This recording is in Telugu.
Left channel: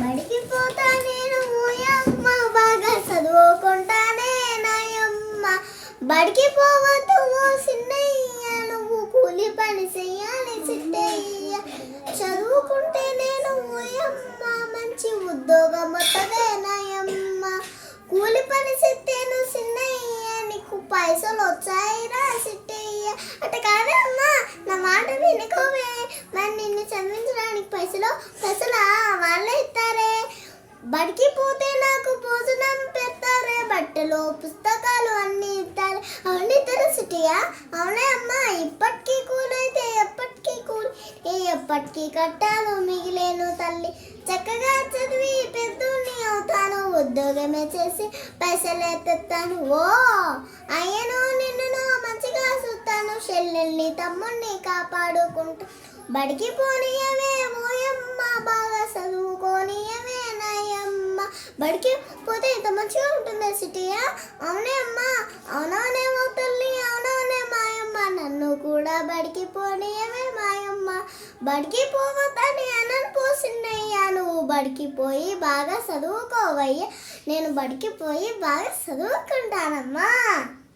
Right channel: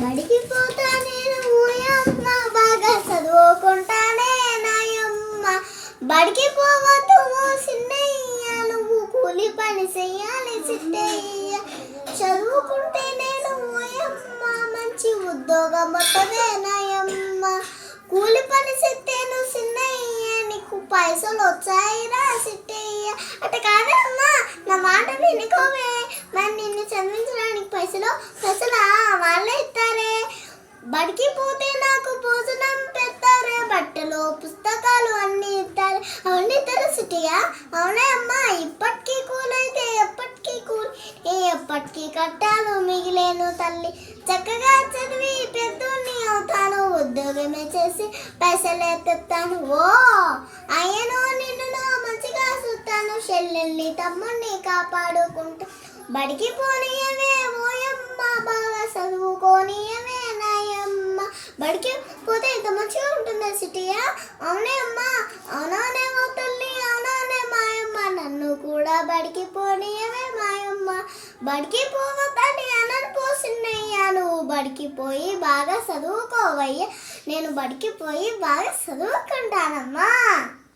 బడికి పోతా నేను ఓయమ్మ బాగా చదువుకుంటానే నాయమ్మ. బడికి పోవద్దు చిన్నయ్య, నువ్వు కూలి పని చెయ్యాలి చిట్టయ్య. చదువుకుంటే నేను ఓయమ్మ మంచి ఉద్యోగం వస్తుందే నాయమ్మ. కూలి పని చెత్తేను చిన్నయ్య, నీకు పైసలు వచ్చాయిరా చిట్టయ్య. అంటే కాదమ్మా, నా మాట వినుకోవే. మరి నిన్ను చదివించడానికి పైసలా వాళ్ళే ఇస్తారే. బడికి పోతే నాకు భోజనం పెడతారే, బట్టలు పుస్తకాలు అన్నీ ఇస్తారు. అవన్నీ ఇస్తారు సిటీయా? అవునే అమ్మా. ఇప్పటికీ కూలైతే ఎప్పటికీ ఎప్పటికీ కట్టాలు మిగిలేను తల్లి. చక్కగా చదివి పెద్దోన్ని అవుతాను, ఉద్యోగమే చేసి పైసలే తెస్తాను. ఓ అయ్యను నిన్ను మంచిగా చూస్తాను, చెల్లెల్ని తమ్ముడిని కాపాడుకుంటా. బడికి పోనీయవే ఓయమ్మ బాగా చదువుకోనియవే నాయమ్మ. బడికి పోతే ఇంత మంచిగా ఉంటుందా సిటీయా? అవునే అమ్మా. అవునవునేమో తల్లి, అవునవునే మాయమ్మ. నన్ను కూడా బడికి పోనీయవే మాయమ్మ. బడికి పోవద్దని అనను పోసిన్నయ్యా. నువ్వు బడికి పోయి బాగా చదువుకోవయ్యా. నేను బడికి పోయి బాగా చదువుకుంటానమ్మా.